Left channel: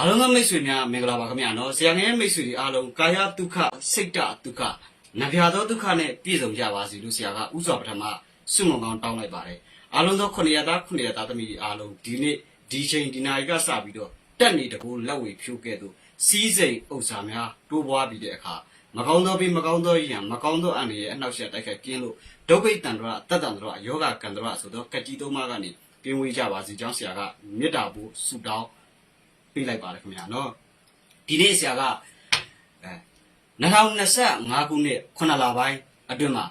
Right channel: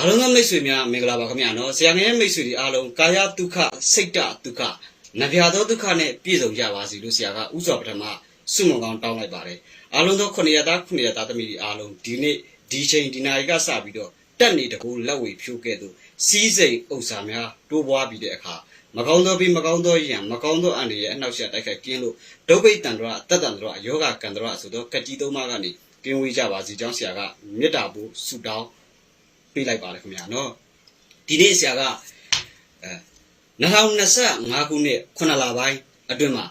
အားလုံးသောမိတ်ဆွေများမင်္ဂလာပါခင်ဗျာနော်ဆရာငယ်မိတ်ဆွေတွေအားလုံးကာယဒုက္ခစိတ်တဒုက္ခနဗျာသောဒုက္ခနဲ့ပြည့်စုံကြပါစေလို့ဆရာကဥစွာပထမဆုမွန်ကောင်းတောင်းလိုက်ပါတယ်အားလုံးသောခုနှစ်ရသားခုနှစ်ရသားသမီးတွေအားလုံးဒီနေ့ဒီချိန်ဒီနာရီကစပြီးတော့တက်နေတကူလက်ဝေဖြိုးခဲ့သူစီးစိမ်ဥစ္စာများတိုးပွားပြီးတဲ့အခါမကောင်းသောပြီးမကောင်းသောယံမကောင်းသောအန္တရာယ်အနှောက်အယှက်တိုက်ခိုက်ကင်းလို့ဒုဗိတ္တန္တရအတ္တတန္တရယောဂကန္တရဆိုတော့ကတိသုံးပါးကနေကင်းဝေးကြပါစေကြောင်းဆရာကမေတ္တာပို့ဆုတောင်း ပေးလိုက်ပါတယ်ခင်ဗျာနော်ဒီနေ့ဆရာကအဲ2025ခုနှစ်9လပိုင်းအတွင်းမှာ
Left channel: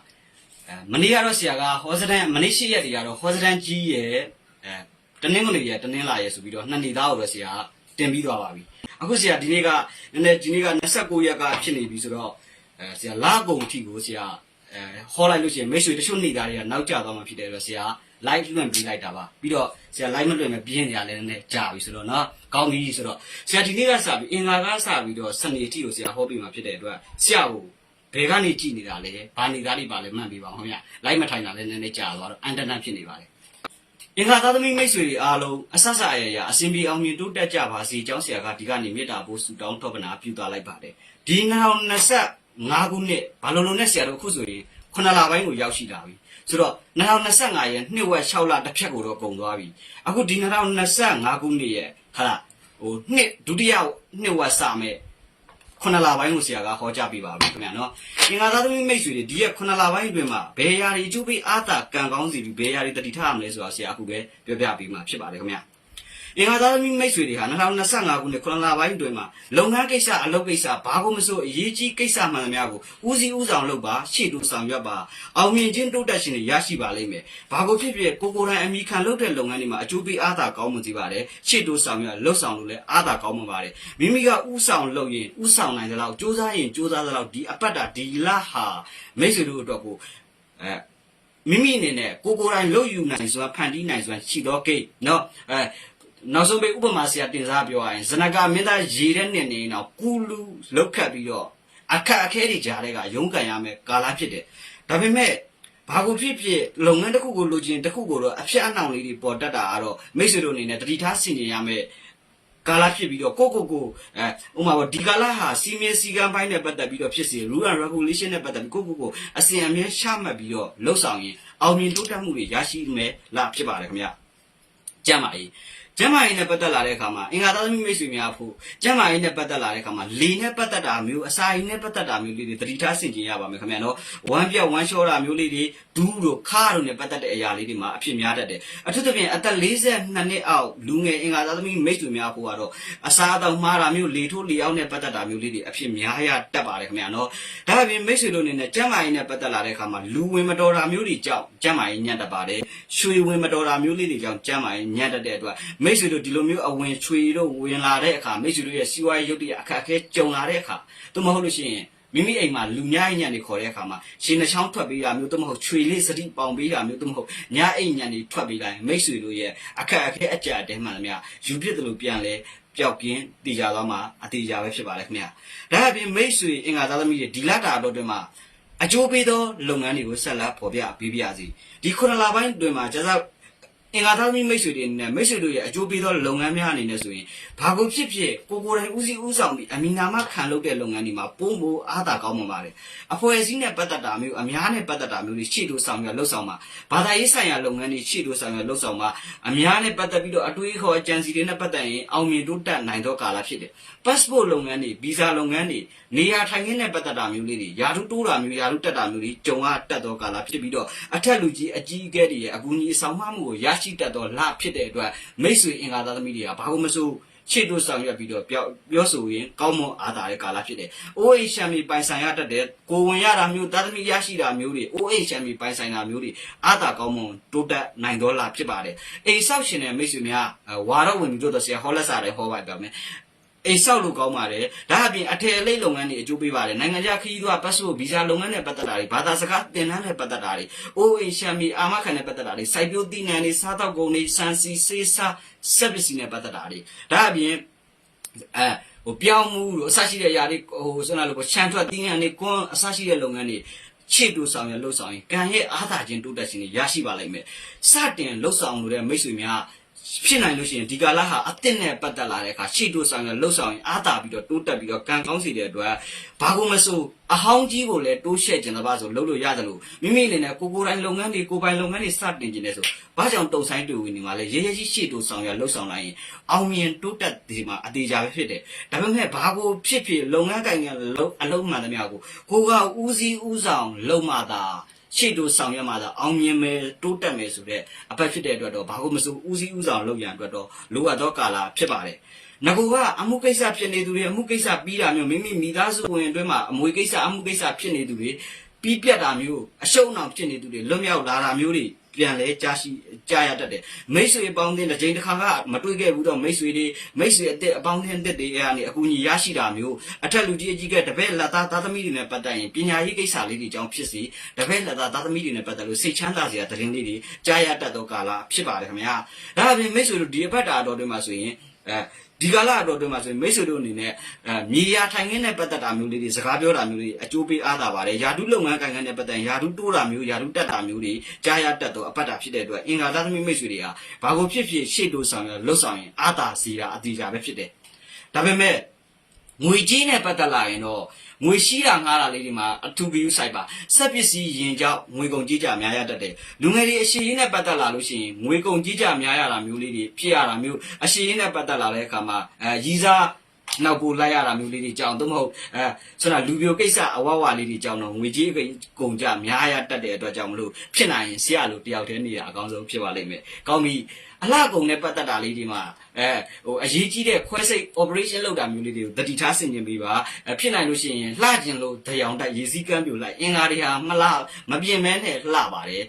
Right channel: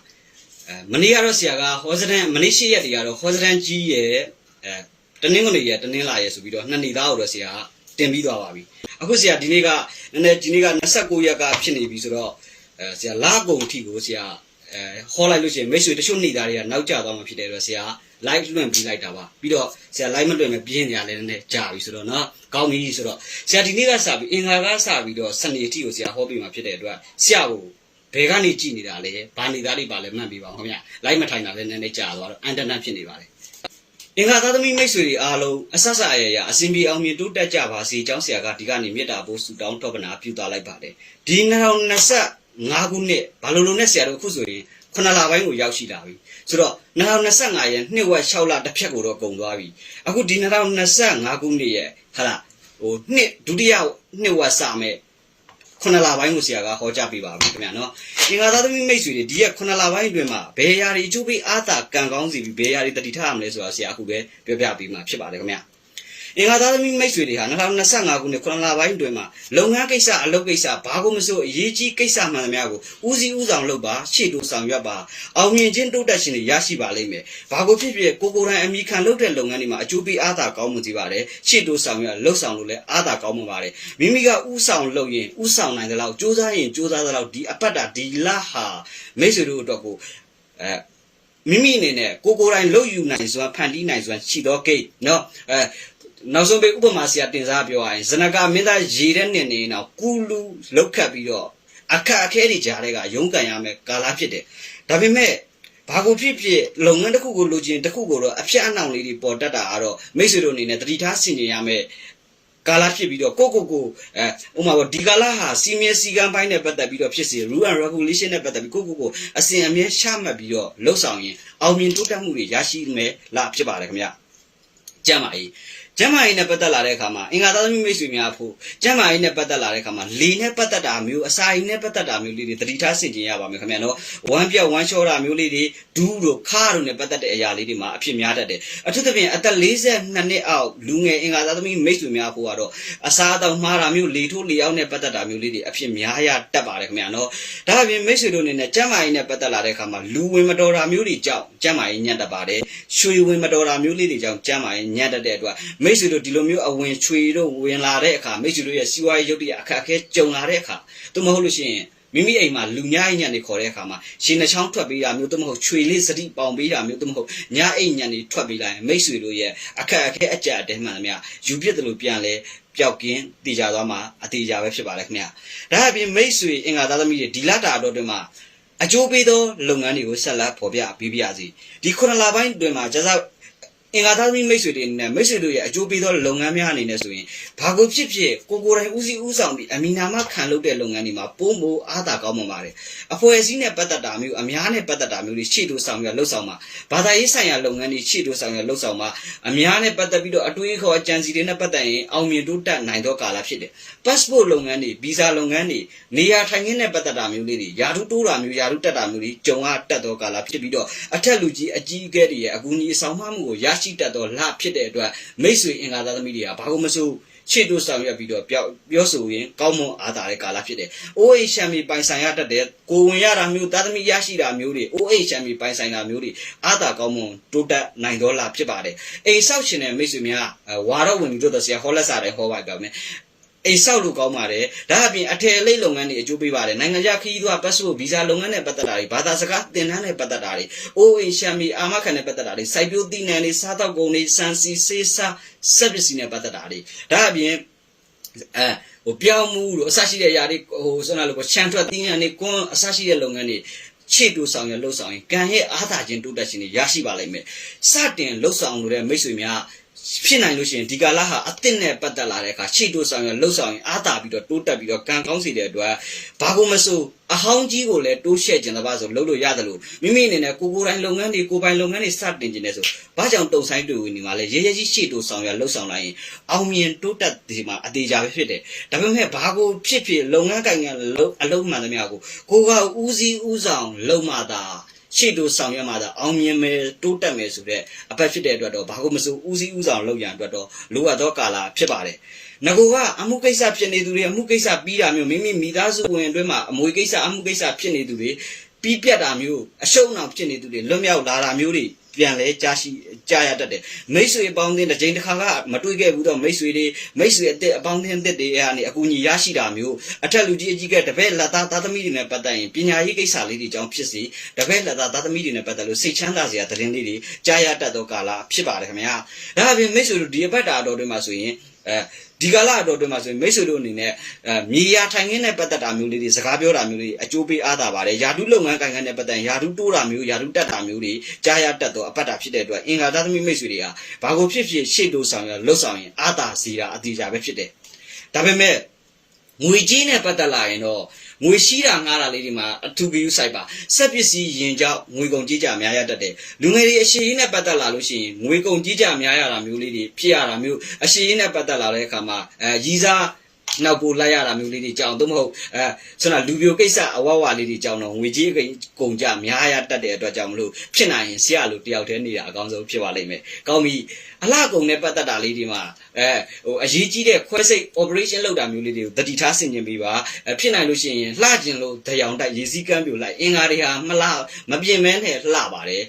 အဲမနေ့ကတော့ဆရာကဟောစတန်မနေ့ရှိရက်တွေကတော့ဟောစတန်ကြီးရဲ့အဲတနင်္ဂနွေရက်တနင်္လာရက်ဆိုပြီးတော့နှစ်နေ့သားကိုတော့ဆရာကတင်ပြီးသွားပါပြီအခုဆရာဒီနေ့ကနည်းနည်းဒီနေ့က29ရက်ကဖြစ်နေပြီဆိုတော့အဲဆရာလာကုံအထိကိုဆရာအဲဟောလိုက်လို့ရှိရင်မိတ်ဆွေတချို့နေသားတွေကနောက်ကျသွားမှဖြစ်တယ်ဆိုတော့ဆရာ live လွှင့်ပြီးလိုက်တာပါပြီးတော့ဆရာ live မလွှင့်မပြင်းနေရလဲနည်းနည်းကြာပြီဆိုတော့เนาะကောင်းပြီဆိုတော့ဆရာဒီနေ့ကစပြီးအင်္ဂါကစပြီးတော့စနေအထိကိုဆရာဟောပြီးမှဖြစ်တဲ့အတွက်ဆရာကိုဘယ်ကနေကြည်နေတာလဲဘာနေသားလေးပါလဲမှတ်ပြီးပါဦးခင်ဗျ live မထိုင်တာလဲနည်းနည်းကြာသွားတော့အန်တနတ်ဖြစ်နေပါတယ်အင်္ဂါသားသမီးမိတ်ဆွေတွေအားလုံးအဆက်ဆက်အရရအစဉ်ပြေအောင်မြင်တိုးတက်ကြပါစေကျောင်းဆရာကဒီကနေမေတ္တာပို့ဆုတောင်းထောပနာပြုသားလိုက်ပါတယ်ဒီ2025ခုနှစ်ဘာလို့လို့နဲ့ဆရာတို့အခုဆိုရင်ခုနလပိုင်းကိုရောက်ရှိလာပြီ ဆိုတော့2025ရဲ့နှစ်ဝက်6လတစ်ဖြတ်ကိုတော့ကုန်သွားပြီအခုဒီ2025ခုနှစ်ရဲ့ဟာလားဟိုနှစ်ဒုတိယနှစ်ဝက်စမဲ့ခုနလပိုင်းကိုဆရာကဟောကြားပေးပါပြီခင်ဗျာနော်အင်္ဂါသားသမီးမိတ်ဆွေတွေဒီရက်ခုနလပိုင်းအတွင်းမှာဘယ်ရာတွေအကျိုးပေးအားသာကံကောင်းစီပြီးဘယ်ရာတွေတတိထားရမလဲဆိုတာဆရာအခုပဲပြောပြပေးမှာဖြစ်ပါတယ်ခင်ဗျာ အင်္ဂါသားသမီးမိတ်ဆွေတွေဟာ2025ခုနှစ်ခုနလပိုင်းအတွင်းမှာလုပ်ငန်းကိစ္စအလုပ်ကိစ္စဘာကိုမဆိုအရေးကြီးကိစ္စမှန်သမျှကိုဦးစီးဦးဆောင်လုပ်ပါရှေ့တိုးဆောင်ရွက်ပါအောင်မြင်ခြင်းတိုးတက်ခြင်းတွေရရှိပါလိမ့်မယ်ဘာကိုဖြစ်ဖြစ်ကိုကိုယ်တိုင်အမိခံလုပ်တဲ့လုပ်ငန်းတွေမှာအကျိုးပေးအားသာကောင်းမှုစီပါတယ်ရှေ့တိုးဆောင်ရွက်လှုပ်ဆောင်လို့လည်းအားသာကောင်းမှုပါတယ်မိမိကဦးဆောင်လုပ်ရင်ဦးဆောင်နိုင်တဲ့လောက်စူးစမ်းရင်စူးစမ်းတဲ့လောက်ဒီအပတ်တာဒီလဟာမိတ်ဆွေတို့အတွက်ကိုအဲ မိမိအနေနဲ့ကိုကိုယ်တိုင်လုပ်ယူနိုင်စွာဖန်တီးနိုင်စွာရှိသောကိတ်เนาะအဲ နောက်ဆုံးပဲဥပမာဆရာတင်စားပြောရရင်ဇနကမင်းသားရေတဲ့နှစ်နေတော့ကူလူလောက်ခတ်ပြီးတော့အခက်အခဲတွေကြားတဲ့ကရုန်းကန်ရမယ်ကာလဖြစ်တယ်ဒါပေမဲ့ဘာကိုဖြစ်ဖြစ်လုပ်ငန်းတစ်ခုကိုလိုချင်တစ်ခုကိုတော့အဖြစ်အနှောင်လေးတွေပေါ်တတ်တာကတော့မိတ်ဆွေတို့အနေနဲ့တတိထားဆင်ခြင်ရမယ်ကာလဖြစ်ပြီးတော့ကိုကိုကိုအဲဥမာပေါ့ဒီကာလဟာစီမင်းစီကံပိုင်းနဲ့ပတ်သက်ပြီးတော့ဖြစ်စေ rule and regulation နဲ့ပတ်သက်ပြီးကိုကိုကိုအစဉ်အမြဲရှမှတ်ပြီးတော့လှုပ်ဆောင်ရင်အောင်မြင်တိုးတက်မှုတွေရရှိမယ်လားဖြစ်ပါတယ်ခင်ဗျကြမ်းပါ၏ ကျမ်းမာရေးနဲ့ပတ်သက်လာတဲ့အခါမှာအင်္ဂါသားသမီးမိတ်ဆွေများဖို့ကျမ်းမာရေးနဲ့ပတ်သက်လာတဲ့အခါမှာလေနဲ့ပတ်သက်တာမျိုးအစာရည်နဲ့ပတ်သက်တာမျိုးလေးတွေသတိထားဆင်ခြင်ရပါမယ်ခင်ဗျာနော်ဝမ်းပြောက်ဝမ်းလျှောတာမျိုးလေးတွေဒူးတို့ခါတို့နဲ့ပတ်သက်တဲ့အရာလေးတွေမှာအဖြစ်များတတ်တယ်အထူးသဖြင့်အသက်42နှစ်အောက်လူငယ်အင်္ဂါသားသမီးမိတ်ဆွေများဖို့ကတော့အစာအသောက်မှားတာမျိုးလေထိုးလေအောင်နဲ့ပတ်သက်တာမျိုးလေးတွေအဖြစ်များရတတ်ပါတယ်ခင်ဗျာနော်ဒါအပြင်မိတ်ဆွေတို့အနေနဲ့ကျမ်းမာရေးနဲ့ပတ်သက်လာတဲ့အခါမှာလူဝင်မတော်တာမျိုးတွေကြောင့်ကျမ်းမာရေးညံ့တတ်ပါတယ်ရွှေဝင်မတော်တာမျိုးလေးတွေကြောင့်ကျမ်းမာရေးညံ့တတ်တဲ့အတွက်မိတ်ဆွေတို့ဒီလိုမျိုးအဝင်ချွေတို့ဝင်လာတဲ့အခါမိတ်ဆွေတို့ရဲ့စီးပွားရေးရုပ်တရက်အခက်အခဲကြုံလာတဲ့အခါသို့မဟုတ်လို့ရှိရင်မိမိအိမ်မှာလူညအိမ်ညံနေခေါ်တဲ့အခါမှာရှင်နှချောင်းထွက်ပေးတာမျိုးသို့မဟုတ်ချွေလေးစတိပေါင်ပေးတာမျိုးသို့မဟုတ်ညအိမ်ညံနေထွက်ပေးလိုက်ရင်မိတ်ဆွေတို့ရဲ့အခက်အခဲအကြအတဲမှန်သမျှယူပြစ်တယ်လို့ပြန်လဲပျောက်ကင်းတည်ကြသွားမှာအတေကြပဲဖြစ်ပါလေခင်ဗျာဒါအပြင်မိတ်ဆွေအင်္ဂါသားသမီးတွေဒီလတာတော့တွင်မှာအကျိုးပေးသောလုပ်ငန်းတွေကိုဆက်လက်ဖော်ပြပေးပြရစီဒီခုနလပိုင်းတွင်မှာကျစား အင်္ဂါသားသမီးမိတ်ဆွေတွေအနေနဲ့မိတ်ဆွေတို့ရဲ့အကျိုးပေးသောလုပ်ငန်းများအနေနဲ့ဆိုရင်ဘာကိုဖြစ်ဖြစ်ကိုကိုယ်တိုင်ဦးစီးဦးဆောင်ပြီးအမီနာမခံလုပ်တဲ့လုပ်ငန်းတွေမှာပုံမိုးအားသာကောင်းမှပါတယ်အဖွဲ့အစည်းနဲ့ပတ်သက်တာမျိုးအများနဲ့ပတ်သက်တာမျိုးတွေရှေ့တိုးဆောင်ရလှုပ်ဆောင်မှာဘာသာရေးဆိုင်ရာလုပ်ငန်းတွေရှေ့တိုးဆောင်ရလှုပ်ဆောင်မှာအများနဲ့ပတ်သက်ပြီးတော့အတွေးခေါ်အကြံစီတွေနဲ့ပတ်သက်ရင်အောင်မြင်တိုးတက်နိုင်သောကာလဖြစ်တယ် passport လုပ်ငန်းတွေ visa လုပ်ငန်းတွေနေရာထိုင်ခင်းနဲ့ပတ်သက်တာမျိုးလေးတွေယာတုတိုးတာမျိုးယာတုတက်တာမျိုးတွေကြုံရတတ်သောကာလဖြစ်ပြီးတော့အထက်လူကြီးအကြီးအကဲတွေရဲ့အကူအညီအဆောင်မမှုကိုရရှိတတ်သောလဖြစ်တဲ့အတွက်မိတ်ဆွေအင်္ဂါသားသမီးတွေကဘာလို့မဆိုရှေ့တို့ဆောင်ရွက်ပြီးတော့ပြောပြောဆိုရင်ကောင်းမွန်အားသာတဲ့ကာလဖြစ်တယ်။ OH ရှမ်းမီပိုင်ဆိုင်ရတတ်တဲ့ကိုဝင်ရတာမျိုးသားသမီးရရှိတာမျိုးတွေ OH ရှမ်းမီပိုင်ဆိုင်တာမျိုးတွေအားသာကောင်းမွန်တိုးတက်နိုင်တော့လားဖြစ်ပါတယ်။အိမ်ဆောက်ရှင်တဲ့မိတ်ဆွေများဝါတော့ဝင်ပြီးတော့ဆရာဟောလက်စားတယ်ဟောပါကြမယ်။ အိမ်ဆောက်လို့ကောင်းပါတယ်ဒါအပြင်အထည်အလိပ်လုပ်ငန်းတွေအကျိုးပေးပါတယ်နိုင်ငံခြားခရီးသွားပတ်စပို့ဗီဇာလုပ်ငန်းနဲ့ပတ်သက်တာတွေဘာသာစကားသင်တန်းနဲ့ပတ်သက်တာတွေအိုးအိမ်ရှမ်းမီအာမခံနဲ့ပတ်သက်တာတွေစိုက်ပျိုးသီးနှံတွေစားတောက်ကုန်တွေစံစီစေးစားစက်ပစ္စည်းနဲ့ပတ်သက်တာတွေဒါအပြင်အဲဟိုပြောင်းမှုတို့အဆရှိတဲ့ຢာတွေဟိုဆိုနာလို့ချန်ထွက်သီးနှံတွေကွန်းအဆရှိတဲ့လုပ်ငန်းတွေခြေတူဆောင်ရလှုပ်ဆောင်ရင်ကံရဲ့အားသာခြင်းတိုးတက်ခြင်းတွေရရှိပါလိမ့်မယ်စတင်လှုပ်ဆောင်လို့တဲ့မိတ်ဆွေများ ဖြစ်နိုင်လို့ရှိရင်ဒီကာလဟာအသစ်နဲ့ပတ်သက်လာတဲ့အခါရှေ့တိုးဆောင်ရလှုပ်ဆောင်ရင်အားတာပြီးတော့တိုးတက်ပြီးတော့ကံကောင်းစီတဲ့အတွက်ဘာကိုမဆိုအဟောင်းကြီးကိုလည်းတိုးရှဲ့ကျင်တပါဆိုလှုပ်လို့ရတယ်လို့မိမိအနေနဲ့ကိုကိုယ်တိုင်လုပ်ငန်းတွေကိုယ်ပိုင်လုပ်ငန်းတွေစတင်ကျင်နေဆိုဘာကြောင့်တုံဆိုင်တွေ့ဝင်နေမှာလဲရဲရဲကြီးရှေ့တိုးဆောင်ရလှုပ်ဆောင်လိုက်ရင်အောင်မြင်တိုးတက်ဒီမှာအသေးချာပဲဖြစ်တယ်ဒါပေမဲ့ဘာကိုဖြစ်ဖြစ်လုပ်ငန်းကိုင်ငန်းလုပ်အလုပ်မှန်သမျှကိုကိုကဦးစီးဦးဆောင်လုပ်မှသာ ရှေ့တိုးဆောင်ရွက်မှသာအောင်မြင်မယ်တိုးတက်မယ်ဆိုတဲ့အပတ်ဖြစ်တဲ့အတွက်တော့ဘာလို့မစိုးဦးစီးဦးဆောင်လုပ်ရန်အတွက်တော့လိုအပ်သောကာလဖြစ်ပါတယ်။ငကိုကအမှုကိစ္စဖြစ်နေသူတွေအမှုကိစ္စပြီးတာမျိုးမိမိမိသားစုဝင်အတွင်းမှာအမွေကိစ္စအမှုကိစ္စဖြစ်နေသူတွေပြီးပြတ်တာမျိုးအရှုံးအောင်ဖြစ်နေသူတွေလွတ်မြောက်လာတာမျိုးတွေ ပြန်လဲကြားရှိကြားရတတ်တယ်မိတ်ဆွေအပေါင်းအသင်းတစ်ချိန်တစ်ခါကမတွေ့ခဲ့ဘူးတော့မိတ်ဆွေတွေမိတ်ဆွေအစ်အပေါင်းအသင်းအသစ်တွေအဲ့ကနေအကူအညီရရှိတာမျိုးအထက်လူကြီးအကြီးကတပည့်လက်သားသားသမီးတွေနဲ့ပတ်သက်ရင်ပညာရေးကိစ္စလေးတွေအကြောင်းဖြစ်စီတပည့်လက်သားသားသမီးတွေနဲ့ပတ်သက်လို့စိတ်ချမ်းသာစရာသတင်းလေးတွေကြားရတတ်သောကာလဖြစ်ပါတယ်ခင်ဗျာဒါအပြင်မိတ်ဆွေတို့ဒီအပတ်တာတော်တွေမှာဆိုရင်အဲ ဒီကာလအတော်တွေမှာဆိုရင်မိတ်ဆွေတို့အနေနဲ့အဲမြေယာထိုင်ခင်းနဲ့ပတ်သက်တာမျိုးလေးတွေစကားပြောတာမျိုးလေးအကျိုးပေးအားသာပါတယ်ယာတုလုပ်ငန်းကိုင်ခန်းနဲ့ပတ်သက်ရင်ယာတုတိုးတာမျိုးယာတုတက်တာမျိုးတွေကြားရတတ်သောအပတ်တာဖြစ်တဲ့အတွက်အင်္ဂါသားသမီးမိတ်ဆွေတွေဟာဘာကိုဖြစ်ဖြစ်ရှေ့တိုးဆောင်ရလှုပ်ဆောင်ရင်အားသာစီတာအတိအကျပဲဖြစ်တယ်ဒါပေမဲ့ငွေကြီးနဲ့ပတ်သက်လာရင်တော့ ငွေရှိတာငှားတာလေးတွေမှာအထူးဂရုစိုက်ပါဆက်ပစ္စည်းရင်ကြောင့်ငွေကုန်ကြီးကြများရတတ်တယ်လူငယ်တွေအရှိရင်နဲ့ပတ်သက်လာလို့ရှိရင်ငွေကုန်ကြီးကြများရတာမျိုးလေးတွေဖြစ်ရတာမျိုးအရှိရင်နဲ့ပတ်သက်လာတဲ့အခါမှာအဲရီးစား နောက်ပို့လိုက်ရတာမျိုးလေးတွေကြောင်းသို့မဟုတ်အဲဆိုတော့လူပြိုကိစ္စအဝဝလေးတွေကြောင်းတော့ငွေကြီးကုန်ကြများရတတ်တဲ့အတွက်ကြောင့်မလို့ဖြစ်နိုင်ရင်ဆရာလိုတယောက်တည်းနေတာအကောင်းဆုံးဖြစ်ပါလိမ့်မယ်ကောင်းပြီအလှကုန်နဲ့ပတ်သက်တာလေးတွေမှာအဲဟိုအရေးကြီးတဲ့ခွဲစိတ် operation လုပ်တာမျိုးလေးတွေကိုတတိထားဆင်ကျင်ပေးပါအဲဖြစ်နိုင်လို့ရှိရင်လှကျင်လို့ဒယောင်တိုက်ရေစည်းကမ်းပြိုလိုက်အင်္ဂါတွေဟာမလှမပြင်းမဲနဲ့လှပါတယ်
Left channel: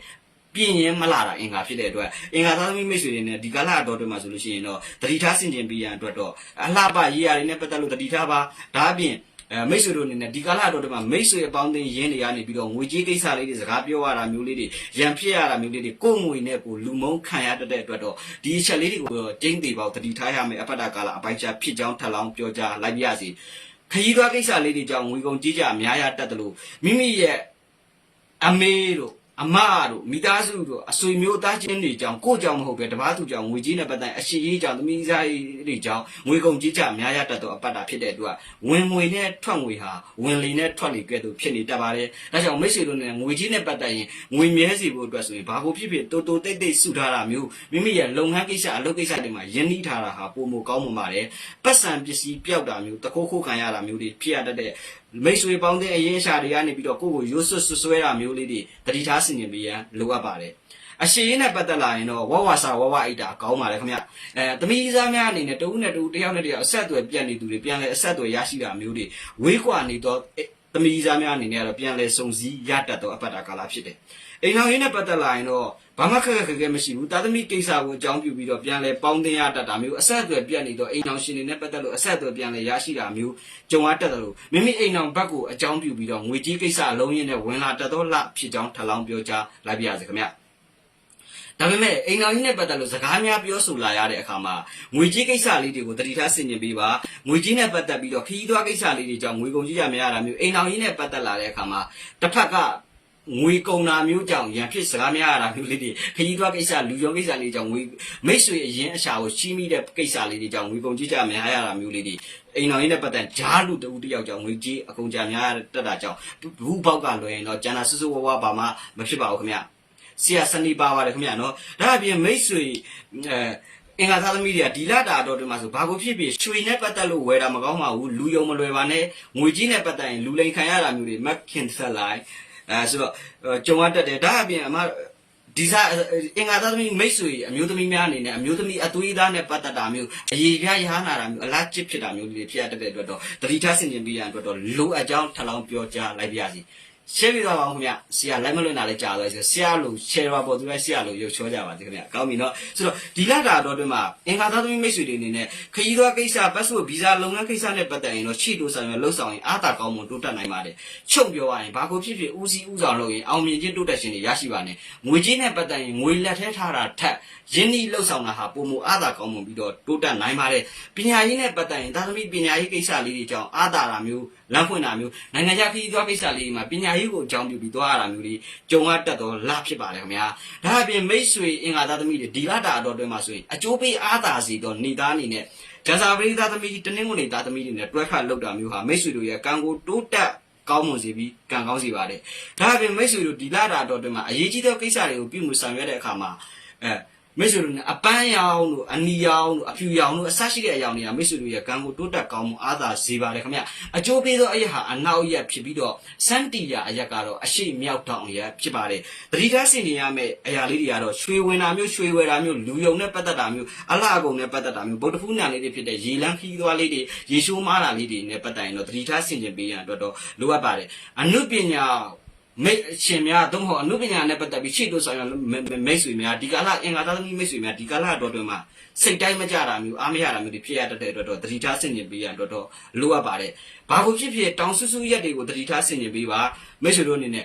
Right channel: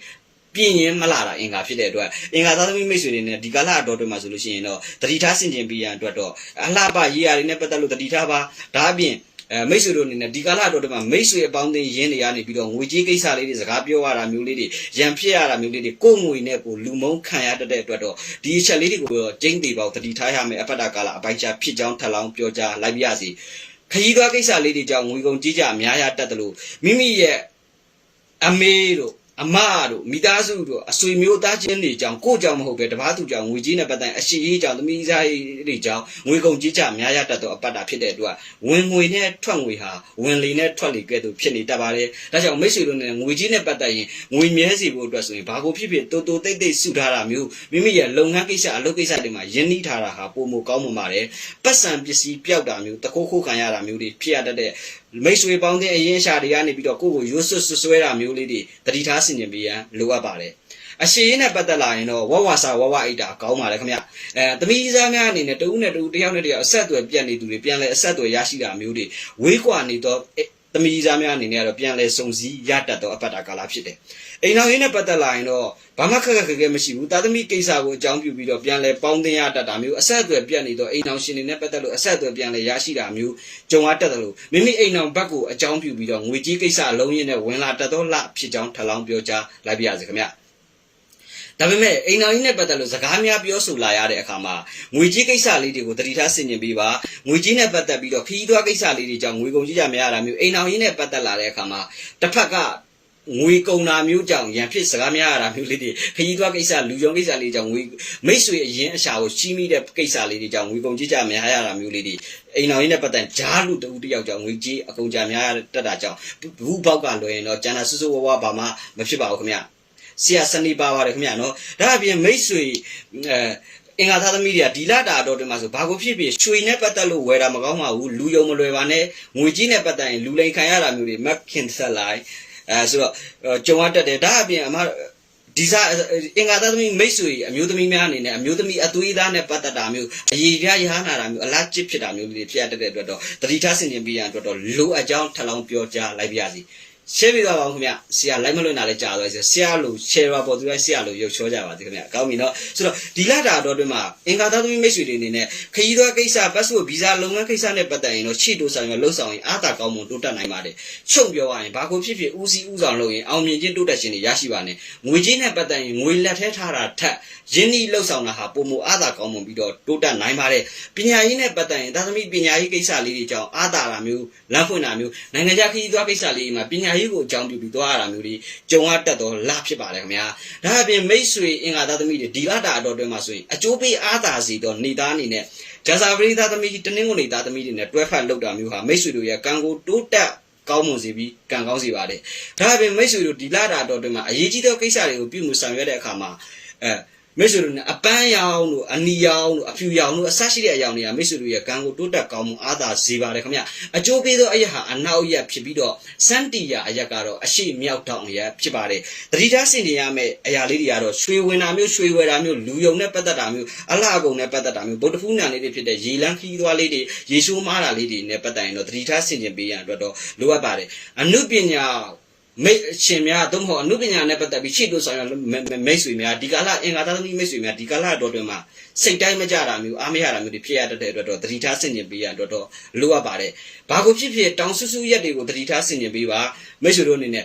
ပြင်းရင်မလာတာအင်္ဂါဖြစ်တဲ့အတွက်အင်္ဂါသားသမီးမိတ်ဆွေတွေနဲ့ဒီကာလအတော်တွေမှာဆိုလို့ရှိရင်တော့တတိထားဆင်ကျင်ပေးရန်အတွက်တော့အလှပရေးရာတွေနဲ့ပတ်သက်လို့တတိထားပါဒါအပြင်အဲမိတ်ဆွေတို့အနေနဲ့ဒီကာလအတော်တွေမှာမိတ်ဆွေအပေါင်းအသင်းရင်းနေရနေပြီးတော့ငွေကြေးကိစ္စလေးတွေစကားပြောရတာမျိုးလေးတွေရန်ဖြစ်ရတာမျိုးလေးတွေကိုယ်ငွေနဲ့ကိုလူမုန်းခံရတတ်တဲ့အတွက်တော့ဒီအချက်လေးတွေကိုတော့ကျင်းသေးပါဦးတတိထားရမယ်အပတ်တာကာလအပိုင်းချဖြစ်ကြောင်းထပ်လောင်းပြောကြားလိုက်ပြရစီခရီးသွားကိစ္စလေးတွေကြောင့်ငွေကုန်ကြီးကြအများရတတ်တယ်လို့မိမိရဲ့အမေတို့ အမတို့မိသားစုတို့အဆွေမျိုးသားချင်းတွေကြောင့်ကိုကြောင့်မဟုတ်ပဲတပားသူကြောင့်ငွေကြီးနဲ့ပတ်သက်အရှိကြီးကြောင့်သမီးစားတွေကြောင့်ငွေကုန်ကြီးကြအများရတတ်သောအပတ်တာဖြစ်တဲ့အတွက်ဝင်ငွေနဲ့ထွက်ငွေဟာဝင်လေနဲ့ထွက်လေကဲ့သို့ဖြစ်နေတတ်ပါတယ်။ဒါကြောင့်မိတ်ဆွေတို့နဲ့ငွေကြီးနဲ့ပတ်သက်ရင်ငွေမြဲစီဖို့အတွက်ဆိုရင်ဘာကိုဖြစ်ဖြစ်တိုးတိုးတိတ်တိတ်စုထားတာမျိုးမိမိရဲ့လုပ်ငန်းကိစ္စအလုပ်ကိစ္စတွေမှာယဉ်နှီးထားတာဟာပုံမကောင်းမှပါတယ်။ပတ်စံပစ္စည်းပျောက်တာမျိုးတခိုးခိုးခံရတာမျိုးတွေဖြစ်ရတတ်တဲ့မိတ်ဆွေပေါင်းတဲ့အရင်ရှာတွေကနေပြီးတော့ကိုယ့်ကိုရွတ်ဆွတ်ဆွဆွဲတာမျိုးလေးတွေတတိထားဆင်ခြင်ပေးရန်လိုအပ်ပါတယ်အရှိရင်နဲ့ပတ်သက်လာရင်တော့ဝဝစာဝဝအိတ်တာကောင်းပါလေခင်ဗျအဲသမီးစားများအနေနဲ့တဦးနဲ့တဦးတယောက်နဲ့တယောက်အဆက်အသွယ်ပြတ်နေသူတွေပြန်လဲအဆက်အသွယ်ရရှိတာမျိုးတွေဝေးကွာနေတော့သမီးစားများအနေနဲ့ကတော့ပြန်လဲစုံစည်းရတတ်တော့အပတ်တာကာလဖြစ်တယ် အိမ်တော်ရင်းနဲ့ပတ်သက်လာရင်တော့ဘာမှခက်ခက်ခက်ခဲမရှိဘူးတာသမီကိစ္စကိုအကြောင်းပြုပြီးတော့ပြန်လဲပေါင်းတင်ရတတ်တာမျိုးအဆက်အသွယ်ပြတ်နေတော့အိမ်တော်ရှင်တွေနဲ့ပတ်သက်လို့အဆက်အသွယ်ပြန်လဲရရှိတာမျိုးကြုံရတတ်တယ်လို့မိမိအိမ်တော်ဘက်ကိုအကြောင်းပြုပြီးတော့ငွေကြီးကိစ္စအလုံးရင်းနဲ့ဝင်လာတတ်တော့လဖြစ်ကြောင်းထပ်လောင်းပြောကြားလိုက်ပါရစေခင်ဗျဒါပေမဲ့အိမ်တော်ကြီးနဲ့ပတ်သက်လို့စကားများပြောဆိုလာရတဲ့အခါမှာငွေကြီးကိစ္စလေးတွေကိုတတိထားဆင်ခြင်ပေးပါငွေကြီးနဲ့ပတ်သက်ပြီးတော့ခရီးသွားကိစ္စလေးတွေကြောင့်ငွေကုန်ကြီးကြမရတာမျိုးအိမ်တော်ကြီးနဲ့ပတ်သက်လာတဲ့အခါမှာတစ်ဖက်က ငွေကုန်တာမျိုးကြောင့်ရန်ဖြစ်စကားများရတာမျိုးလေးတွေခရီးသွားကိစ္စလူယုံကိစ္စလေးကြောင့်ငွေမိတ်ဆွေအရင်အရှာကိုချီးမိတဲ့ကိစ္စလေးတွေကြောင့်ငွေကုန်ကြီးကြများရတာမျိုးလေးတွေအိမ်တော်ကြီးနဲ့ပတ်သက်ဂျားလူတူတယောက်ကြောင့်ငွေကြီးအကုန်ကြများတက်တာကြောင့်ဘူးပေါက်ကလွယ်ရင်တော့ကျန်တာဆူဆူဝါးဝါဘာမှမဖြစ်ပါဘူးခင်ဗျဆရာစနေပါပါတယ်ခင်ဗျနော်ဒါအပြင်မိတ်ဆွေအဲအင်္ဂါသားသမီးတွေကဒီလတာတော့တင်မှာဆိုဘာကိုဖြစ်ဖြစ်ရွှေနဲ့ပတ်သက်လို့ဝယ်တာမကောင်းပါဘူးလူယုံမလွယ်ပါနဲ့ငွေကြီးနဲ့ပတ်သက်ရင်လူလိန်ခံရတာမျိုးတွေမက်ခင်ဆက်လိုက် အဲဆိုတော့ကြုံရတတ်တယ်ဒါအပြင်အမဒီစားအင်္ဂါသားသမီးမိတ်ဆွေအမျိုးသမီးများအနေနဲ့အမျိုးသမီးအသွေးသားနဲ့ပတ်သက်တာမျိုးအရေးပြရဟနာတာမျိုးအလားကျစ်ဖြစ်တာမျိုးတွေဖြစ်ရတဲ့အတွက်တော့တတိထားဆင်ခြင်ပြရန်အတွက်တော့လိုအပ်ကြောင်းထပ်လောင်းပြောကြားလိုက်ပါရစီ ရှင်းပြသွားပါအောင်ခင်ဗျဆရာလိုက်မလွတ်နာလေးကြာသွားပြီဆရာလို့ share ပါပေါ်သူကဆရာလို့ရုပ်ချောကြပါစေခင်ဗျကောင်းပြီနော်ဆိုတော့ဒီလတာတော့တွင်မှာအင်္ဂါသားသမီးမိတ်ဆွေတွေအနေနဲ့ခရီးသွားကိစ္စပတ်စပို့ဗီဇာလုပ်ငန်းကိစ္စနဲ့ပတ်သက်ရင်တော့ရှေ့တိုးဆိုင်ရလှုပ်ဆောင်ရင်အားသာကောင်းမွန်တိုးတက်နိုင်ပါတယ်ချုပ်ပြောရရင်ဘာကိုဖြစ်ဖြစ်ဦးစီးဦးဆောင်လုပ်ရင်အောင်မြင်ခြင်းတိုးတက်ခြင်းတွေရရှိပါနဲ့ငွေကြေးနဲ့ပတ်သက်ရင်ငွေလက်ထဲထားတာထက်ရင်းနှီးလှုပ်ဆောင်တာဟာပုံမအားသာကောင်းမွန်ပြီးတော့တိုးတက်နိုင်ပါတယ်ပညာရေးနဲ့ပတ်သက်ရင်သားသမီးပညာရေးကိစ္စလေးတွေကြောင့်အားသာတာမျိုးလမ်းဖွင့်တာမျိုးနိုင်ငံခြားခရီးသွားကိစ္စလေးတွေမှာပညာကြီးကိုအကြောင်းပြုပြီးသွားရတာမျိုးတွေကြုံရတတ်တော့လဖြစ်ပါတယ်ခင်ဗျာဒါအပြင်မိတ်ဆွေအင်္ဂါသားသမီးတွေဒီလတာအတော်တွင်မှာဆိုရင်အကျိုးပေးအားသာစီတော့နေသားအနေနဲ့ဂျာဇာပရိသတ်သမီးကြီးတနင်္ဂနွေသားသမီးတွေနဲ့တွဲဖက်လောက်တာမျိုးဟာမိတ်ဆွေတို့ရဲ့ကံကိုတိုးတက်ကောင်းမွန်စေပြီးကံကောင်းစေပါတယ်။ဒါအပြင်မိတ်ဆွေတို့ဒီလာတာတော့တွင်မှာအရေးကြီးသောကိစ္စတွေကိုပြုမှုဆောင်ရွက်တဲ့အခါမှာအဲ မိတ်ဆွေတို့နဲ့အပန်းရောင်တို့အနီရောင်တို့အဖြူရောင်တို့အဆရှိတဲ့အရောင်တွေကမိတ်ဆွေတို့ရဲ့ကံကိုတိုးတက်ကောင်းမှုအားသာစေပါတယ်ခင်ဗျ။အကျိုးပေးသောအရာဟာအနောက်ရက်ဖြစ်ပြီးတော့စန်တီယာအရက်ကတော့အရှိမြောက်တောင်အရက်ဖြစ်ပါတယ်။တတိထားစင်နေရမယ့်အရာလေးတွေကတော့ရွှေဝင်တာမျိုးရွှေဝယ်တာမျိုးလူယုံနဲ့ပတ်သက်တာမျိုးအလှအကုန်နဲ့ပတ်သက်တာမျိုးဗုဒ္ဓဖူးနံလေးတွေဖြစ်တဲ့ရေလန်းခီးသွားလေးတွေရေရှိုးမားတာလေးတွေနဲ့ပတ်သက်ရင်တော့တတိထားစင်ကျင်ပေးရန်အတွက်တော့လိုအပ်ပါတယ်။အနုပညာ မိတ်ရှင်များသို့မဟုတ်အနုပညာနဲ့ပတ်သက်ပြီးရှေ့တို့ဆောင်ရမိတ်ဆွေများဒီကာလအင်္ဂါသားသမီးမိတ်ဆွေများဒီကာလအတော်တွင်မှာစိတ်တိုင်းမကြတာမျိုးအားမရတာမျိုးတွေဖြစ်ရတတ်တဲ့အတွက်တော့တတိထားဆင်ကျင်ပေးရအတွက်တော့လိုအပ်ပါတယ်။ဘာကိုဖြစ်ဖြစ်တောင်ဆူဆူရက်တွေကိုတတိထားဆင်ကျင်ပေးပါမိတ်ဆွေတို့အနေနဲ့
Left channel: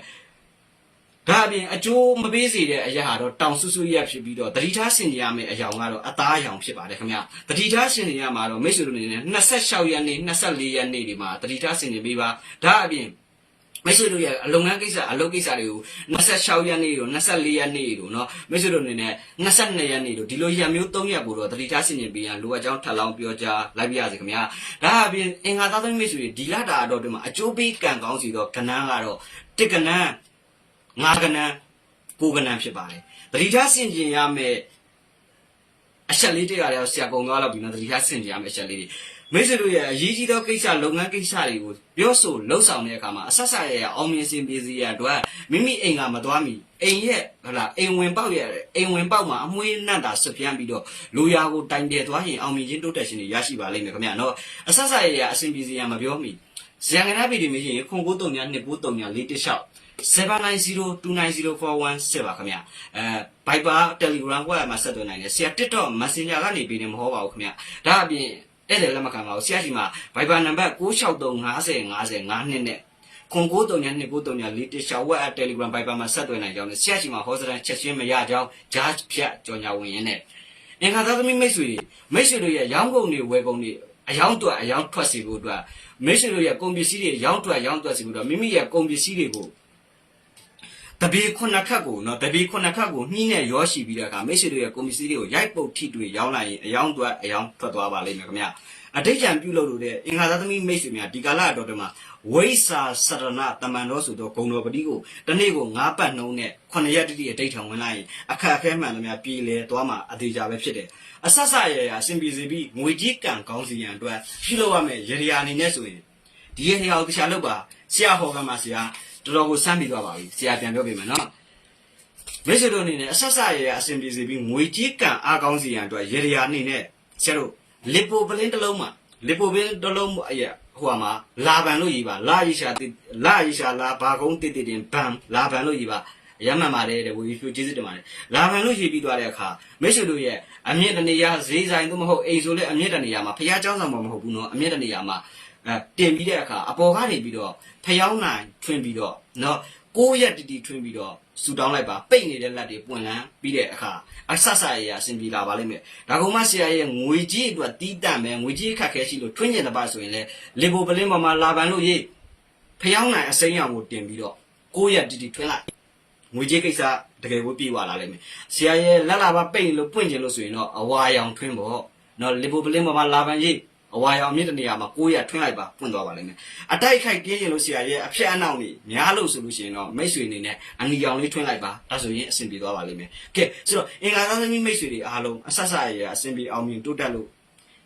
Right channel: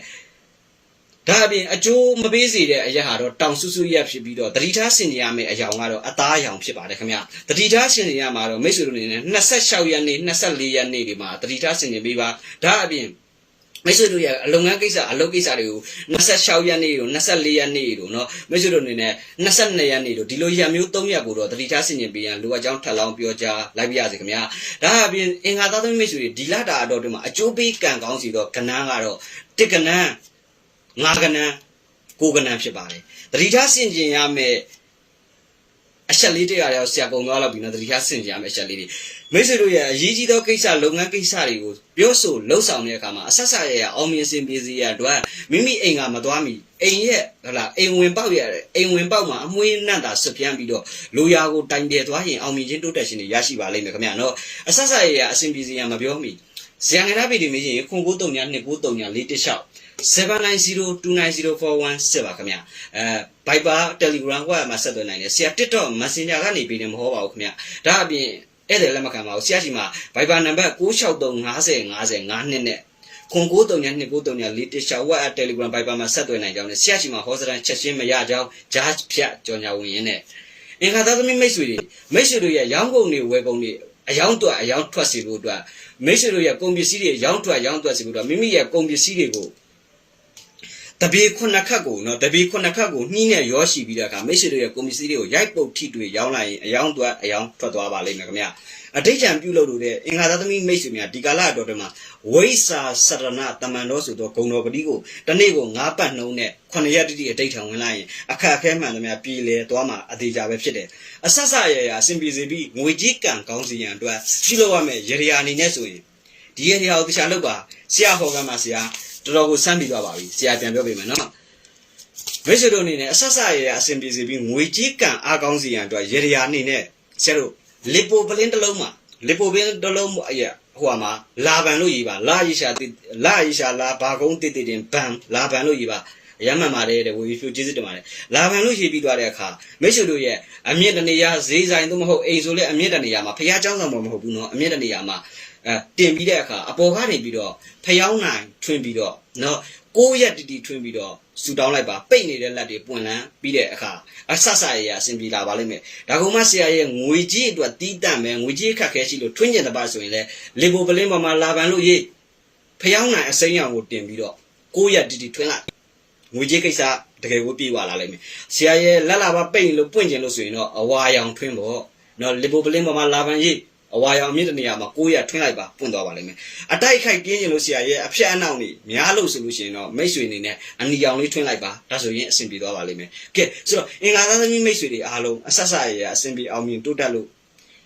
ဒါအပြင်အကျိုးမပေးစေတဲ့အရာဟာတော့တောင်ဆူဆူရက်ဖြစ်ပြီးတော့တတိထားဆင်ကျင်ရမယ့်အရာကတော့အသားအယောင်ဖြစ်ပါတယ်ခင်ဗျာ။တတိထားဆင်ကျင်ရမှာတော့မိတ်ဆွေတို့အနေနဲ့26ရက်နေ့24ရက်နေ့ဒီမှာတတိထားဆင်ကျင်ပေးပါ။ဒါအပြင် မိတ်ဆွေတို့ရဲ့အလုပ်ငန်းကိစ္စအလုပ်ကိစ္စတွေကို26ရက်နေ့တို့24ရက်နေ့တို့เนาะမိတ်ဆွေတို့အနေနဲ့22ရက်နေ့တို့ဒီလိုရက်မျိုး3ရက်ကိုတော့တတိထားဆင်ကျင်ပေးရန်လိုအပ်ကြောင်းထပ်လောင်းပြောကြားလိုက်ပြရစေခင်ဗျာဒါအပြင်အင်္ဂါသားသမီးမိတ်ဆွေတွေဒီလတာအတော်တွင်မှာအကျိုးပေးကံကောင်းစီတော့ကဏ္ဍကတော့တစ်ကဏ္ဍငါးကဏ္ဍကိုးကဏ္ဍဖြစ်ပါတယ်တတိထားဆင်ကျင်ရမယ့်အချက်လေးတွေကလည်းဆရာပုံပြောလောက်ပြီးနော်တတိထားဆင်ကျင်ရမယ့်အချက်လေးတွေ မိတ်ဆွေတို့ရဲ့အရေးကြီးသောကိစ္စလုပ်ငန်းကိစ္စတွေကိုပြောဆိုလှုပ်ဆောင်တဲ့အခါမှာအဆက်ဆက်ရရအောင်မြင်စင်ပြေစီရအတွက်မိမိအိမ်ကမသွားမီအိမ်ရဲ့ဟလာအိမ်ဝင်ပေါက်ရအိမ်ဝင်ပေါက်မှာအမွှေးနံ့တာဆွပြန်းပြီးတော့လိုရာကိုတိုင်တယ်သွားရင်အောင်မြင်ခြင်းတိုးတက်ခြင်းတွေရရှိပါလိမ့်မယ်ခင်ဗျာနော်အဆက်ဆက်ရရအစင်ပြေစီရမပြောမီဇန်ကနာဗီဒီမေးရင်ခွန်ကိုတုံညာ2ကိုတုံညာ4တစ်လျှောက်790290417ပါခင်ဗျအဲ Viber Telegram ဝက်မှာဆက်သွယ်နိုင်တယ်ဆရာ TikTok Messenger ကနေပြီးနေမဟုတ်ပါဘူးခင်ဗျဒါအပြင် ဧည့်သည်လက်မခံပါဘူးဆရာကြီးမှာ Viber နံပါတ်96350505နဲ့ခွန်ကိုတုံညာ2ကိုတုံညာ4တစ်လျှောက်ဝက် Telegram Viber မှာဆက်သွယ်နိုင်ကြောင်းနဲ့ဆရာကြီးမှာဟောစတန်ချက်ချင်းမရကြောင်းဂျားဖြတ်ကြော်ညာဝင်ရင်းနဲ့အင်္ဂါသားသမီးမိတ်ဆွေတွေမိတ်ဆွေတို့ရဲ့ရောင်းကုန်တွေဝယ်ကုန်တွေအယောင်တွက်အယောင်ထွက်စီဖို့အတွက်မိတ်ဆွေတို့ရဲ့ကုန်ပစ္စည်းတွေရောင်းထွက်ရောင်းထွက်စီဖို့အတွက်မိမိရဲ့ကုန်ပစ္စည်းတွေကို တပေခုနှစ်ခတ်ကိုနော်တပေခုနှစ်ခတ်ကိုနှီးနဲ့ရောရှိပြီးတဲ့အခါမိတ်ဆွေတို့ရဲ့ကွန်ပစ္စည်းတွေကိုရိုက်ပုတ်ထိတွေ့ရောင်းလိုက်ရင်အယောင်သွက်အယောင်ထွက်သွားပါလိမ့်မယ်ခင်ဗျအတိတ်ကြံပြုလုပ်လို့တဲ့အင်္ဂါသားသမီးမိတ်ဆွေများဒီကာလအတော်တည်းမှာဝိစာစရဏတမန်တော်ဆိုတော့ဂုံတော်ပတိကိုတနေ့ကို၅ပတ်နှုံးနဲ့9ရက်တိတိအတိတ်ထံဝင်လိုက်ရင်အခက်အခဲမှန်သမျှပြည်လေသွားမှာအသေးကြပဲဖြစ်တယ်အဆက်ဆက်ရရအစဉ်ပြေစီပြီးငွေကြီးကံကောင်းစီရန်အတွက်ပြုလုပ်ရမယ်ရရအနေနဲ့ဆိုရင်ဒီရရကိုတခြားလုပ်ပါဆရာဟောကမှာဆရာ တော်တော်ကိုစမ်းပြီးသွားပါပြီဆရာပြန်ပြောပေးမယ်နော်မိတ်ဆွေတို့အနေနဲ့အဆက်ဆက်ရရအစဉ်ပြေစီပြီးငွေကြီးကံအားကောင်းစီရန်အတွက်ရရအနေနဲ့ဆရာတို့လီပိုပလင်းတစ်လုံးမှာလီပိုပလင်းတစ်လုံးအရာဟိုမှာလာဗန်လို့ရေးပါလာရီရှာလာရီရှာလာဘာကုန်းတိတိတင်ဘန်လာဗန်လို့ရေးပါရမ်းမှန်ပါတယ်တဲ့ဝေဖြူကျေးဇူးတင်ပါတယ်လာဗန်လို့ရေးပြီးသွားတဲ့အခါမိတ်ဆွေတို့ရဲ့အမြင့်တနေရာဈေးဆိုင်သို့မဟုတ်အိမ်ဆိုလဲအမြင့်တနေရာမှာဖះเจ้าဆောင်မဟုတ်ဘူးနော်အမြင့်တနေရာမှာ အဲတင်ပြီးတဲ့အခါအပေါ်ကနေပြီးတော့ဖျောင်းနိုင်ထွင်ပြီးတော့နော်ကိုးရက်တီတီထွင်ပြီးတော့ဆူတောင်းလိုက်ပါပိတ်နေတဲ့လက်တွေပွင့်လန်းပြီးတဲ့အခါအဆဆရရအဆင်ပြေလာပါလိမ့်မယ်ဒါကမှဆရာရဲ့ငွေကြီးအတွက်တီးတန့်မယ်ငွေကြီးအခက်ခဲရှိလို့ထွင်းကျင်တဲ့ပါဆိုရင်လေလေဘိုပလင်းပေါ်မှာလာပန်လို့ရေးဖျောင်းနိုင်အစိမ်းရောင်ကိုတင်ပြီးတော့ကိုးရက်တီတီထွင်လိုက်ငွေကြီးကိစ္စတကယ်ကိုပြေးသွားလာလိမ့်မယ်ဆရာရဲ့လက်လာပါပိတ်လို့ပွင့်ကျင်လို့ဆိုရင်တော့အဝါရောင်ထွင်းပေါ့နော်လေဘိုပလင်းပေါ်မှာလာပန်ရေး အဝါရောင်မြင့်တဲ့နေရာမှာကိုရထွင်းလိုက်ပါပွင့်သွားပါလိမ့်မယ်အတိုက်ခိုက်ပြင်းရင်လို့ဆရာရဲ့အဖြတ်အနောက်နေများလို့ဆိုလို့ရှိရင်တော့မိတ်ဆွေနေနဲ့အနီရောင်လေးထွင်းလိုက်ပါဒါဆိုရင်အဆင်ပြေသွားပါလိမ့်မယ်ကဲဆိုတော့အင်္ဂါသားသမီးမိတ်ဆွေတွေအားလုံးအဆက်ဆက်ရရအဆင်ပြေအောင်မြင်တိုးတက်လို့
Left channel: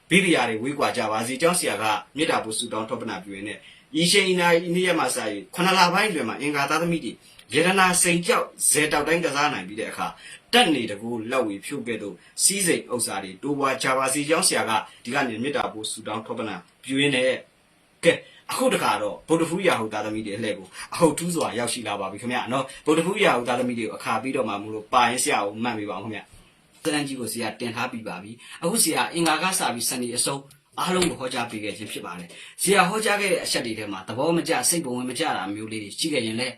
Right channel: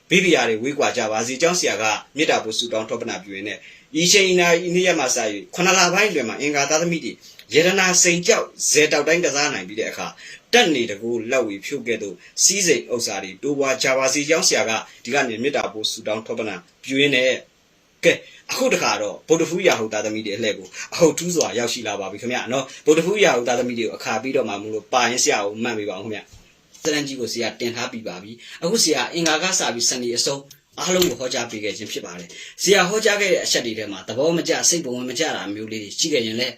ဘိဗီယာတွေဝေးကွာကြပါစေကျောင်းဆရာကမေတ္တာပို့ဆုတောင်းထောပနာပြုရင်းနဲ့ဤချိန်ဤနာဤနေ့ရက်မှာစ၍ခဏလပိုင်းတွင်မှာအင်္ဂါသားသမီးတွေယေရနာစိန်ကြောက်ဇေတောက်တိုင်းကစားနိုင်ပြီးတဲ့အခါ တက်နေတကူလက်ဝေဖြုတ်ခဲ့သူစီးစိမ်ဥစ္စာတွေတိုးပွားကြပါစီကျောင်းဆရာကဒီကနေမေတ္တာပို့ဆုတောင်းထောပနာပြုရင်းနဲ့ကဲအခုတခါတော့ဗုဒ္ဓဖူးရာဟုသားသမီးတွေအလှည့်ကိုအဟုတ်ထူးစွာရောက်ရှိလာပါပြီခင်ဗျာနော်ဗုဒ္ဓဖူးရာဟုသားသမီးတွေကိုအခါပြီးတော့မှမလို့ပါရင်ဆရာကိုမှတ်ပေးပါအောင်ခင်ဗျာစရန်ကြီးကိုဆရာတင်ထားပြီးပါပြီအခုဆရာအင်္ဂါကစပြီးစနေအစုံအားလုံးကိုဟောကြားပေးခဲ့ခြင်းဖြစ်ပါတယ်။ဇေယျဟောကြားခဲ့တဲ့အချက်တွေထဲမှာသဘောမကျစိတ်ဘဝင်မကျတာမျိုးလေးတွေရှိခဲ့ရင်လည်း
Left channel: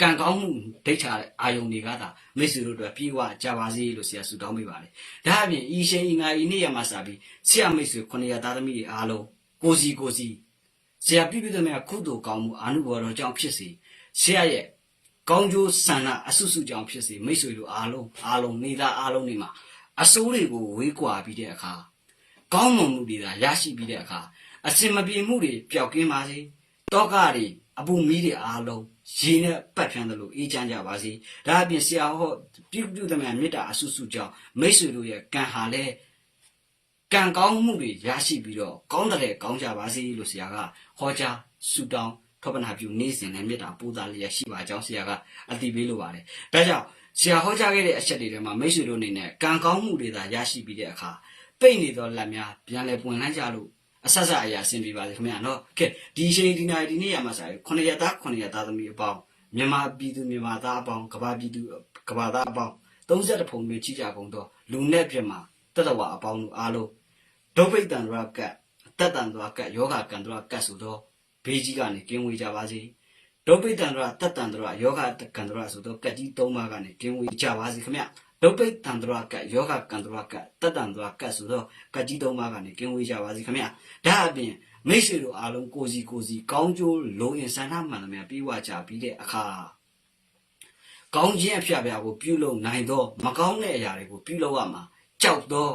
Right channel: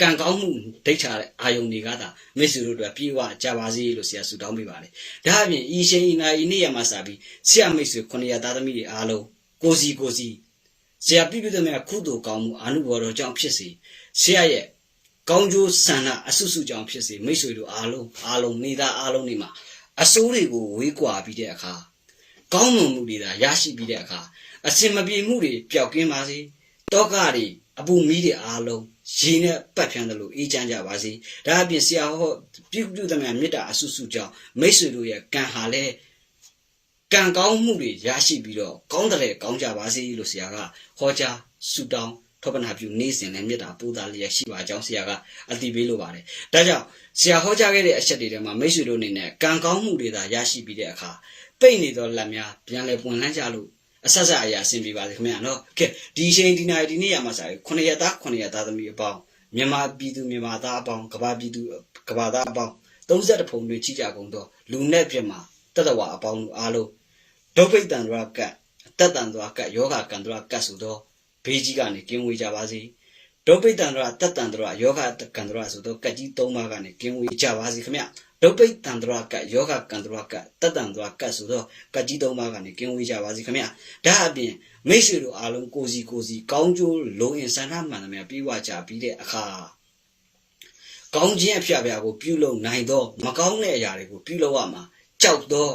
ကံကောင်းမှုဒိဋ္ဌာအာယုန်တွေကသာမိတ်ဆွေတို့အတွက်ပြေဝကြပါစေလို့ဆရာဆုတောင်းပေးပါတယ်။ဒါအပြင်ဤရှင်ဤငါဤနေ့ရမှာစပြီးဆရာမိတ်ဆွေ900သားသမီးတွေအားလုံးကိုစီကိုစီဆရာပြည့်ပြည့်သမျှကုသိုလ်ကောင်းမှုအာနုဘော်တော်ကြောင့်ဖြစ်စေဆရာရဲ့ကောင်းကျိုးဆန္ဒအဆုစုကြောင့်ဖြစ်စေမိတ်ဆွေတို့အားလုံးအားလုံးနေသားအားလုံးနေမှာအစိုးတွေကိုဝေးကွာပြီးတဲ့အခါကောင်းမွန်မှုတွေသာရရှိပြီးတဲ့အခါအစင်မပြေမှုတွေပျောက်ကင်းပါစေတောကတွေအပူမီးတွေအားလုံး ရေနဲ့ပတ်ဖြန်းတယ်လို့အေးချမ်းကြပါစေဒါအပြင်ဆရာဟောပြုပြုသမျှမေတ္တာအဆုစုကြောင့်မိတ်ဆွေတို့ရဲ့ကံဟာလည်းကံကောင်းမှုတွေရရှိပြီးတော့ကောင်းတဲ့ကောင်းကြပါစေလို့ဆရာကဟောကြားဆုတောင်းထောပနာပြုနေ့စဉ်နဲ့မေတ္တာပို့တာလျက်ရှိပါကြောင်းဆရာကအတည်ပေးလိုပါတယ်။ဒါကြောင့်ဆရာဟောကြားခဲ့တဲ့အချက်တွေထဲမှာမိတ်ဆွေတို့အနေနဲ့ကံကောင်းမှုတွေသာရရှိပြီးတဲ့အခါပိတ်နေသောလက်များပြန်လဲပွင့်လန်းကြလို့ အဆက်ဆက်အရာဆင်ပြေပါစေခင်ဗျာနော်။ကဲဒီအချိန်ဒီနိုင်ဒီနေ့ရမှာစာရေးခုနှစ်ရက်သားခုနှစ်ရက်သားသမီးအပေါင်းမြန်မာပြည်သူမြန်မာသားအပေါင်းကဘာပြည်သူကဘာသားအပေါင်း30ဖုံတွေကြီးကြကုန်တော့လူနဲ့ပြမှာတတဝအပေါင်းတို့အားလုံးဒုဗိတ္တံဒရကတ်အတ္တံဒရကတ်ယောဂကံဒရကတ်ဆိုတော့ဘေးကြီးကနေကင်းဝေးကြပါစေဒုဗိတ္တံဒရတတ္တံဒရယောဂကံဒရဆိုတော့ကတ်ကြီး၃ပါးကနေကင်းဝေးကြပါစေခင်ဗျ ဒုဗိတ္တံဒရကတ်ယောဂကံဒရကတ်တတ္တံဒရကတ်ဆိုတော့ကတ်ကြီး၃ပါးကနေကင်းဝေးကြပါစေခင်ဗျဒါအပြင်မိတ်ဆွေတို့အားလုံးကိုစီကိုစီကောင်းကျိုးလုံအင်ဆန္ဒမှန်သမျှပြီးဝကြပြီးတဲ့အခါကောင်းခြင်းအဖျားဖျားကိုပြုလုပ်နိုင်တော့မကောင်းတဲ့အရာတွေကိုပြုလုပ်ရမှာကြောက်တော့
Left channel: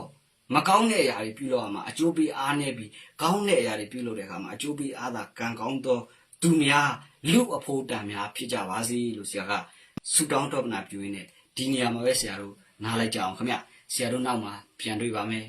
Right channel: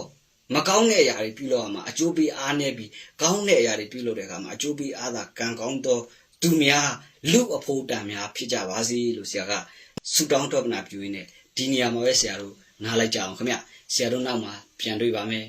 မကောင်းတဲ့အရာတွေပြုလုပ်ရမှာအကျိုးပေးအားနေပြီးကောင်းတဲ့အရာတွေပြုလုပ်တဲ့အခါမှာအကျိုးပေးအားသာကံကောင်းတော့သူများလူအဖို့တန်များဖြစ်ကြပါစေလို့ဆရာကဆုတောင်းတော်ပနာပြုရင်းနဲ့ ဒီနေရာမှာပဲဆရာတို့နားလိုက်ကြအောင်ခင်ဗျဆရာတို့နောက်မှာပြန်တွေ့ပါမယ်